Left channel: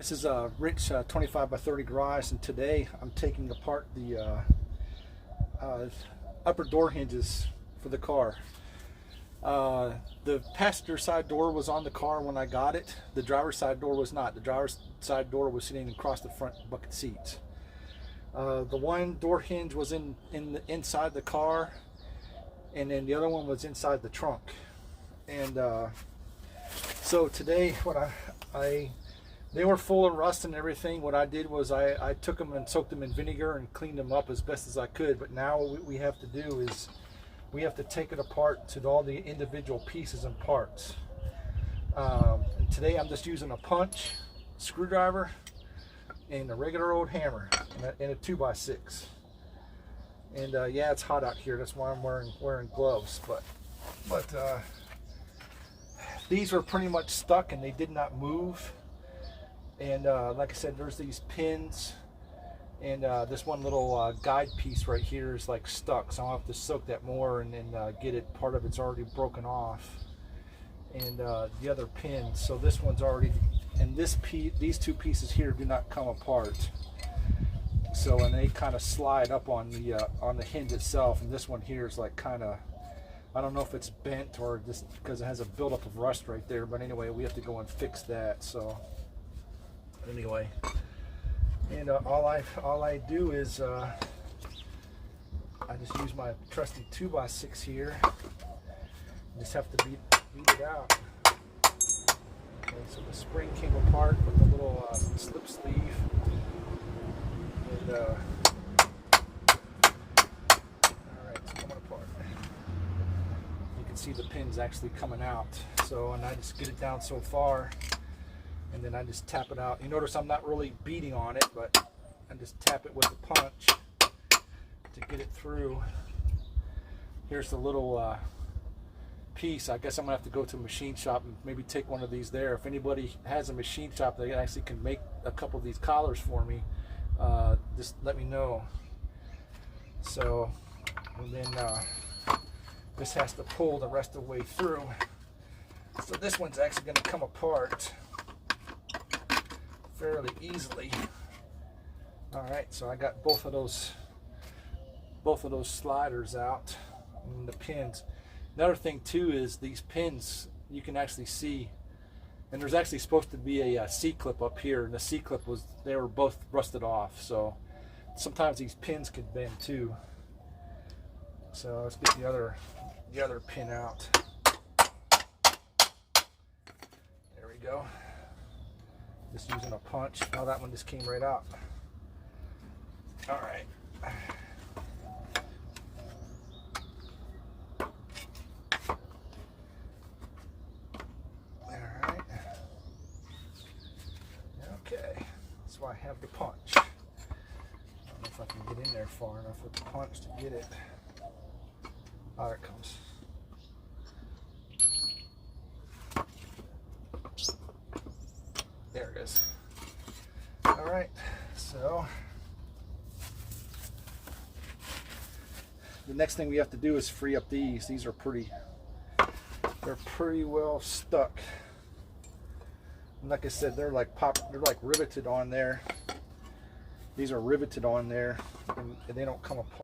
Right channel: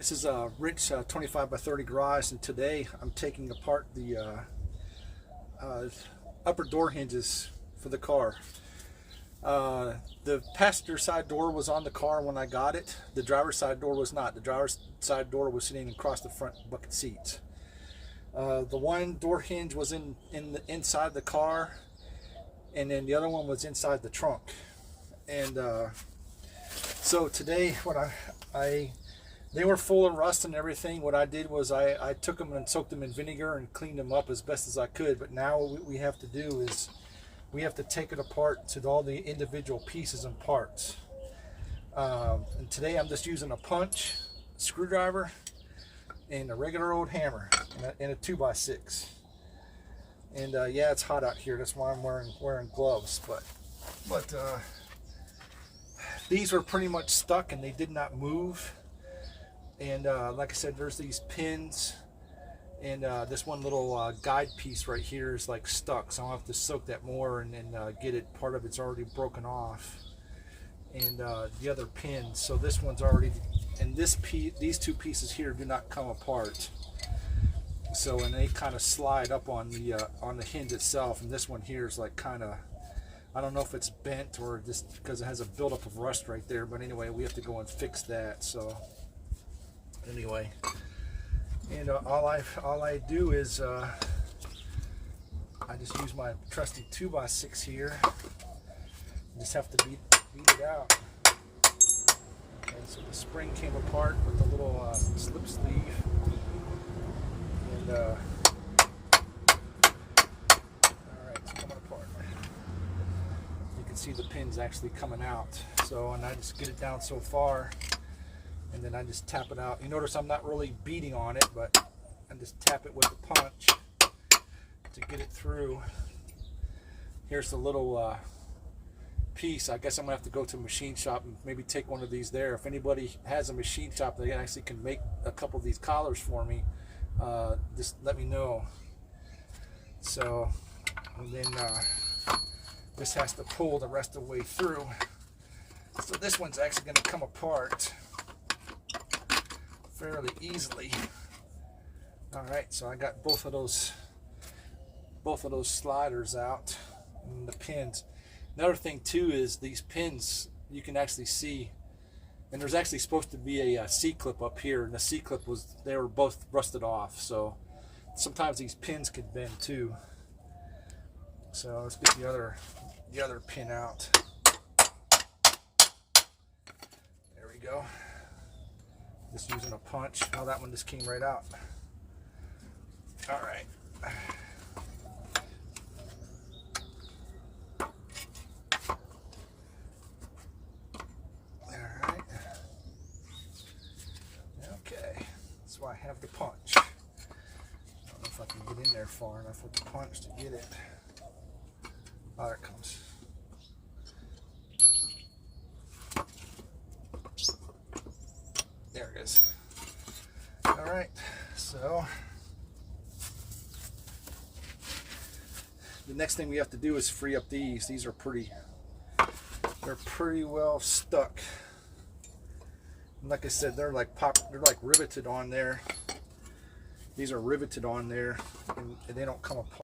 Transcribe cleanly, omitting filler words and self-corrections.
This is a Rick's 25 by 30 garage, and today I'm taking apart the upper door hinges for the car. The passenger side door was on the car when I got it. The driver's side door was not. The driver's side door was sitting across the front bucket seats. The one door hinge was inside the car, and then the other one was inside the trunk. And so today, what they were full of rust and everything. What I did was I took them and soaked them in vinegar and cleaned them up as best as I could. But now what we have to do is we have to take it apart to all the individual pieces and parts. And today I'm just using a punch, screwdriver, and a regular old hammer, and a 2x6. And yeah, it's hot out here. That's why I'm wearing gloves. But these were pretty much stuck and they did not move. And like I said, there's these pins, and this one little guide piece right here is like stuck, so I'll have to soak that more and then get it. Part of it's already broken off, and the other pins. So this one's already, and these two pieces here do not come apart. So, and they kind of slide up on the hinge itself, and this one here is like kind of, I don't know if it's bent or just because it has a buildup of rust right there. But anyway, we have to go and fix that. So. Anyway, and all I do is I just use my trusty 2x6 here. Just have to beat it out. Okay, so the spring came apart with the little slip sleeve, and all right, it's coming apart. You can see the pins actually coming out. So, and I just get it down so far, and then I just tap it out. You notice I'm not really beating on it, but I just tap it with a punch to get it through. Here's the little piece. I guess I'm gonna have to go to a machine shop and maybe take one of these there. If anybody has a machine shop that actually can make a couple of these collars for me, just let me know. So, and then this has to pull the rest of the way through. So this one's actually gonna come apart fairly easily. All right, so I got both of those sliders out, and the pins. Another thing too is these pins, you can actually see, and there's actually supposed to be a C-clip up here, and the C-clip they were both rusted off. So sometimes these pins could bend too. So let's get the other pin out. There we go. Just using a punch. Now that one just came right out. All right. All right. Okay. That's why I have the punch. I don't know if I can get in there far enough with the punch to get it. Oh, there it comes. There it is. All right, so the next thing we have to do is free up these. These are they're pretty well stuck. And like I said, they're like riveted on there. These are riveted on there, and they don't come apart.